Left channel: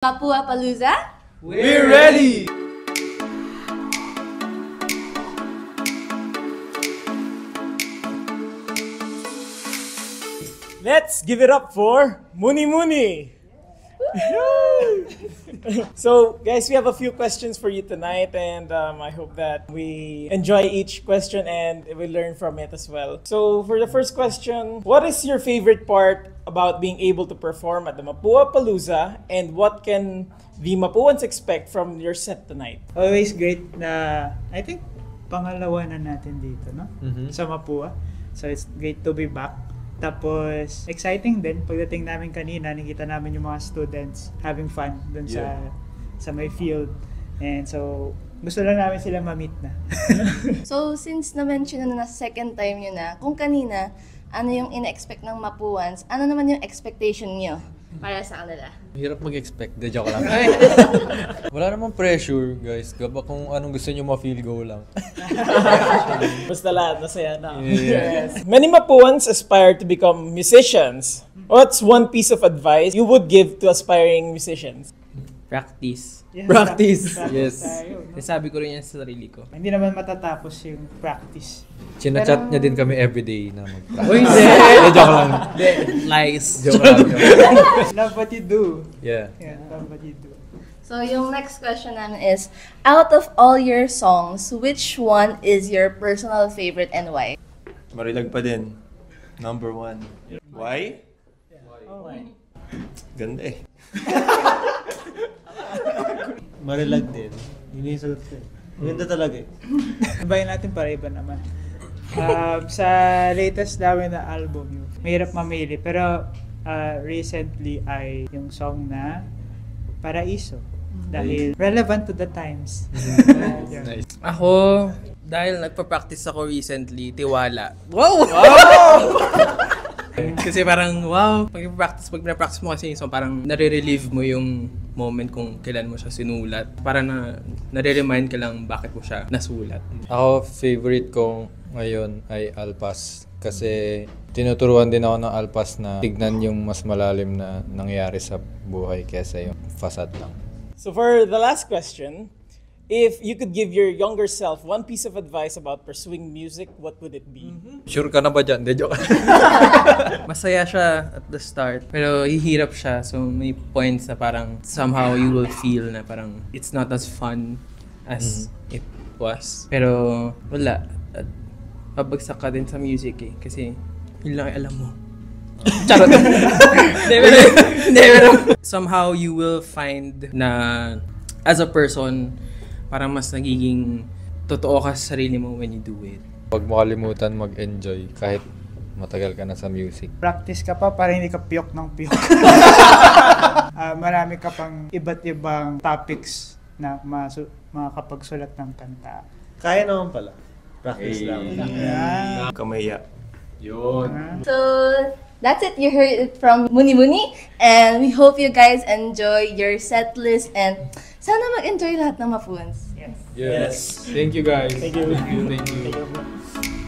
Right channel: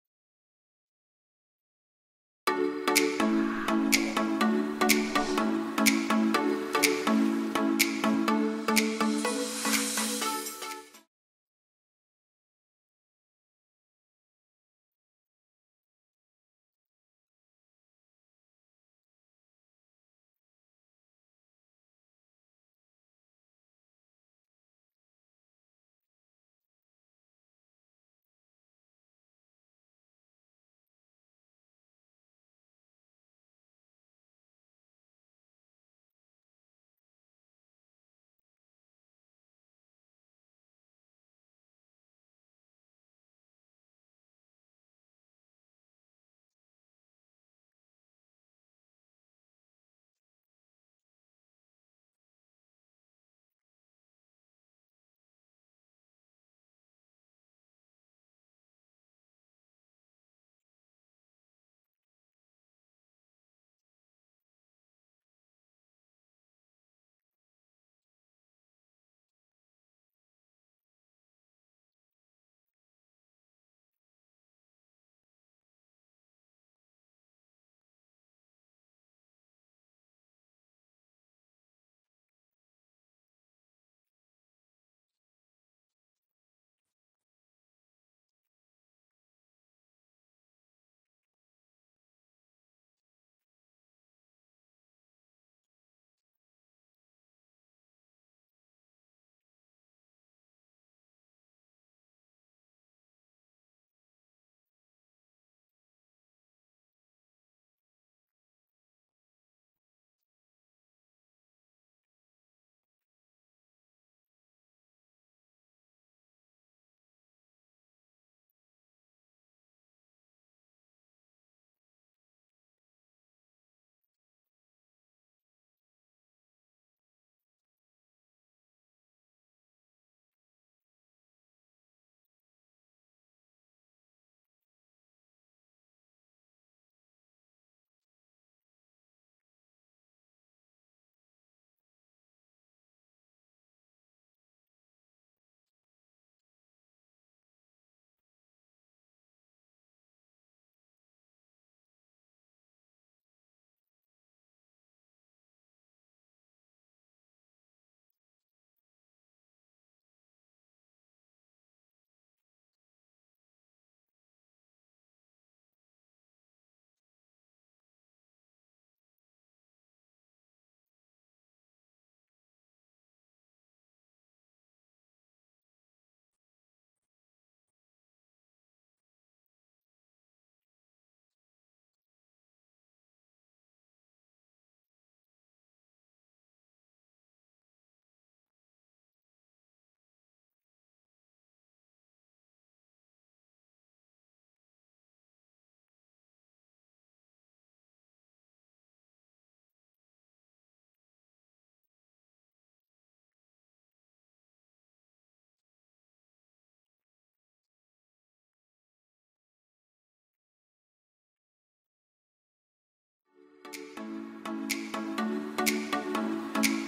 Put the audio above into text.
Mapua Palooza? We're ready! Let's give it up for Muni Muni! So, guys, we have a few questions for you tonight, and I hope that we enjoy each question and we learn from it as well. So, for the first question, what is your favorite part about being able to perform at the Mapua Palooza, and what can the Mapuans expect from your set tonight? Always great na, I think, pangalawa na natin dito, no? Sa Mapua. So, it's great to be back. Tapos, exciting din. Pagdating namin kanina, nakita namin yung mga students having fun dun sa may field. And so, gusto lang namin sila ma-meet na. So, since na-mention na second time nyo na, kung kanina, ano yung ina-expect ng Mapuans, ano naman yung expectation nyo para sa kanila? Hirap mag-expect. De, joke lang. Wala namang pressure, guys. Gaba kung anong gusto nyo ma-feel, go lang. Basta lahat, masaya na. Yeah. Yes. Many Mapuans aspire to become musicians. What's one piece of advice you would give to aspiring musicians? Practice. Yeah, Practice. practice Yes. tayo, no? Sabi ko rin yan sa sarili ko. Hindi naman matatapos yung practice. Chinachat niya din kami everyday na mag-practice. Uy, hindi! De, joke lang. Lies. Joke lang. Love what you do. Yeah. Yeah, love what you do. So, yung next question namin is, out of all your songs, which one is your personal favorite and why? Marilag pa din. Number 1. Why? Oh, why? Ganda eh. Marilag din. Yun yung sagot ko eh. Maganda talaga eh. Sabayin natin para iba naman. Sa latest namin na album, mahirap mamili. Pero recently ay yung song na Paraiso. Dahil relevant to the times. Yeah. Nice. Ako, dahil nagpa-practice ako recently, Tiwala. Wow! Kasi parang, wow, pag pina-practice mo kasi yung song, parang nare-relieve mo yung moment kung kailan mo siya sinulat. Para nare-remind ka lang bakit mo siya nasulat. Ako, favorite ko ngayon ay Alpas. Kasi tinuturuan din ako ng Alpas na tignan yung mas malalim na nangyayari sa buhay kesa yung facade lang. So for the last question, if you could give your younger self one piece of advice about pursuing music, what would it be? Sure ka na ba dyan? De, joke. Masaya siya at the start, pero hihirap siya. So may points na parang somehow you will feel na parang it's not as fun as it was. Pero wala. At pabagsak ka din sa music eh. Kasi yun lang ay alam mo. Charot. Hindi, pero somehow you will find na as a person, parang mas nagiging totoo ka sa sarili mo when you do it. Huwag mo kalimutan mag-enjoy kahit matagal ka na sa music. Practice ka pa para hindi ka piyok ng piyok. Marami ka pang iba't ibang topics na makakapagsulat ng kanta. Kaya naman pala. Practice lang. Yeah. Kamaya. So, that's it. You heard it from Muni Muni. And we hope you guys enjoy your set list. And sana mag-enjoy lahat ng Mapuans. Yes. Thank you guys. Thank you. Thank you.